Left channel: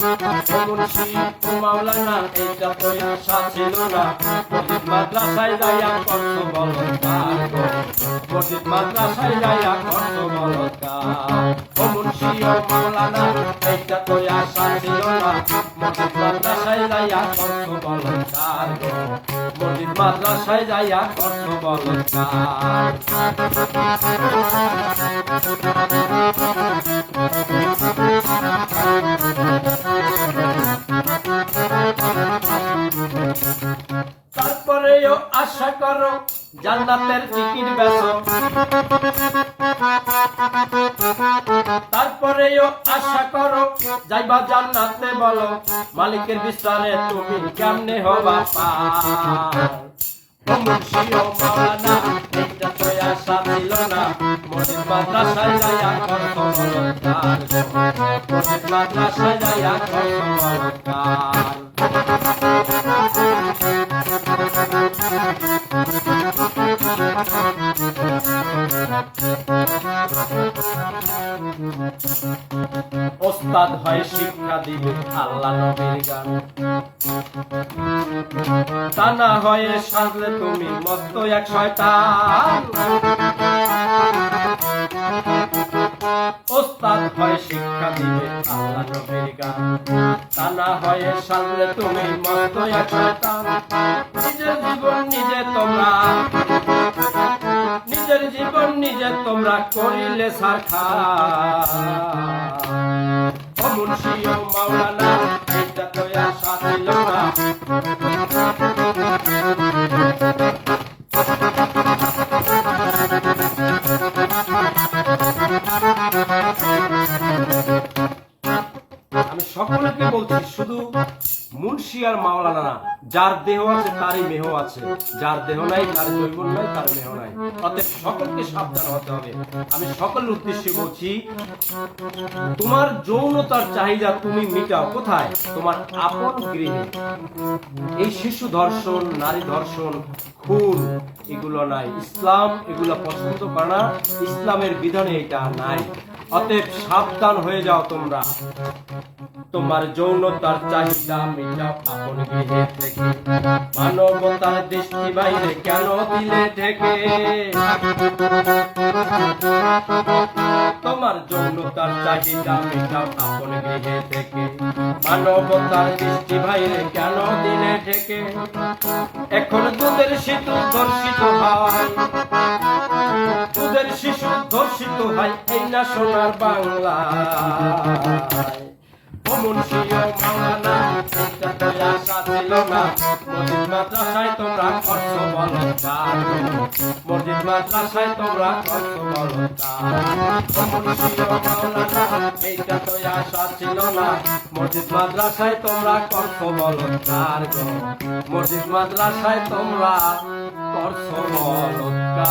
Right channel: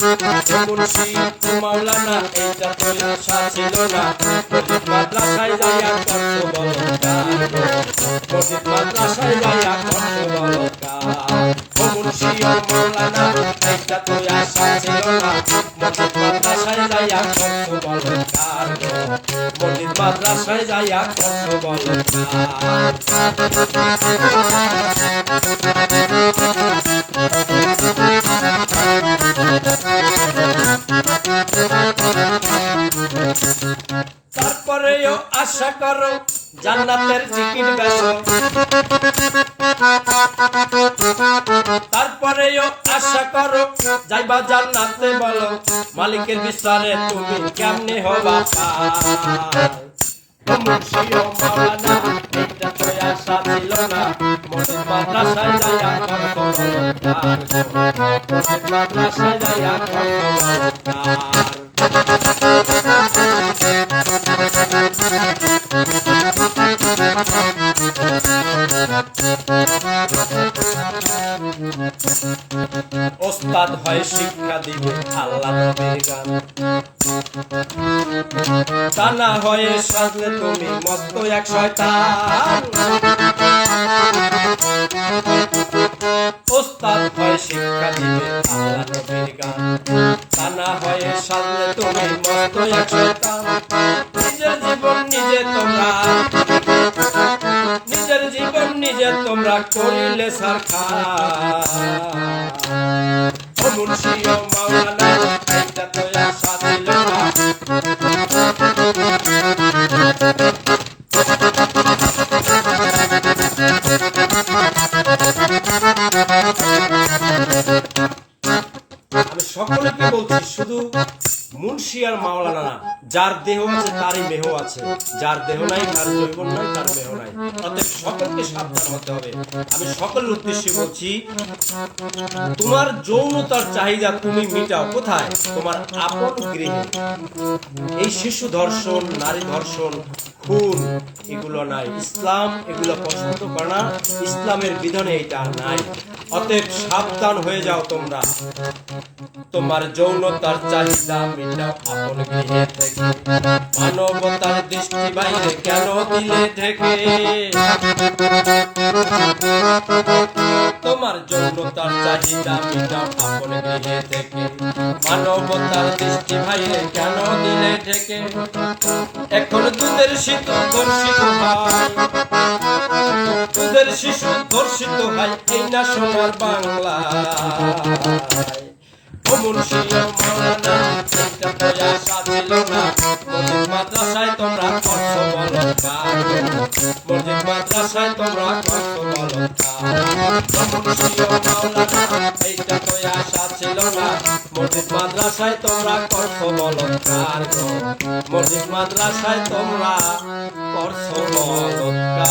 মুন্সি মাওলানা এইটা তো আশা ছিল না, মসজিদ মাদ্রাসায় যাইয়া করত বলৎকার গো, মসজিদ মাদ্রাসায় যাইয়া করত বলৎকার। ও মুন্সি ও মাওলানা এইটা তো আশা ছিল না, মসজিদ মাদ্রাসায় যাইয়া করত বলৎকার গো, মসজিদ মাদ্রাসায় যাইয়া করত বলৎকার। তারপরেও আশা করো জান্নাতের টিকিট বেচো, তারপরেও আশা করো যাইবা জান্নাতে, বলো মালিকের বিচারে তুমি কেমনে হবা পার। ও মুন্সি ও মাওলানা এইটা তো আশা ছিল না, মসজিদ মাদ্রাসায় যাইয়া করত বলৎকার গো, মসজিদ মাদ্রাসায় যাইয়া করত বলৎকার। ওস্তাদ হয় শিক্ষা দিবে আল্লাহ নবীর গান, তা না হয়ে সাজলে তুমি মস্ত এক শয়তান। ওস্তাদ হয় শিক্ষা দিবে আল্লাহ নবীর গান, তা না হয়ে সাজলে তুমি মস্ত এক শয়তান। নিজের জীবন নিজে তোমরা, নিজের জীবন নিজে তোমরা করিলে ছারখার। ও মুন্সি ও মাওলানা এইটা তো আশা ছিল না, আমি সকলকে বলছি, শুধু মুন্সি আর মাওলানা না, যার দেহ আছে তারই মেহ আছে, যার দেহ নাই তার জৈবন নাই, তার মেহ নাই। অতএব সকলকে সাবধান হতে হবে। আমি সকলের উদ্দেশ্যে বলছি, তোমার যৌনতার চাহিদা তুমি মিটাও কোথায়? তোমার আপন গৃহে। এই শিশু ধর্ষণ, নারী ধর্ষণ, খুন এগুলো নাই। ইসলাম এগুলো পছন্দ করে না, ইসলামের বিধানে এটা নাই। অতএব সাবধান হয়ে যাও তোমরা। তোমার যৌনতার চাহিদা মিটাও আপন গৃহে থেকে, মানবতার দৃষ্টি বাইরে কেন দিলে ঢেকে? তোমার যৌনতার চাহিদা মিটাও আপন গৃহে থেকে, মানবতার দৃষ্টি বাইরে কেন দিলে ঢেকে? এখন দুধের শিশু ধর্ষিত হয়, দুধের শিশু ধর্ষিত হয় এই না সোনার বাংলায়। ও মুন্সি ও মাওলানা এইটা তো আশা ছিল না, মসজিদ মাদ্রাসায় তোমরা করছ বলৎকার, মসজিদ মাদ্রাসায় তোমরা করছ বলৎকার। ও মুন্সি ও মাওলানা এইটা তো আশা ছিল না, মসজিদ মাদ্রাসায় তোমরা করছ বলৎকার গো, মসজিদ মাদ্রাসায় তোমরা করছ বলৎকার।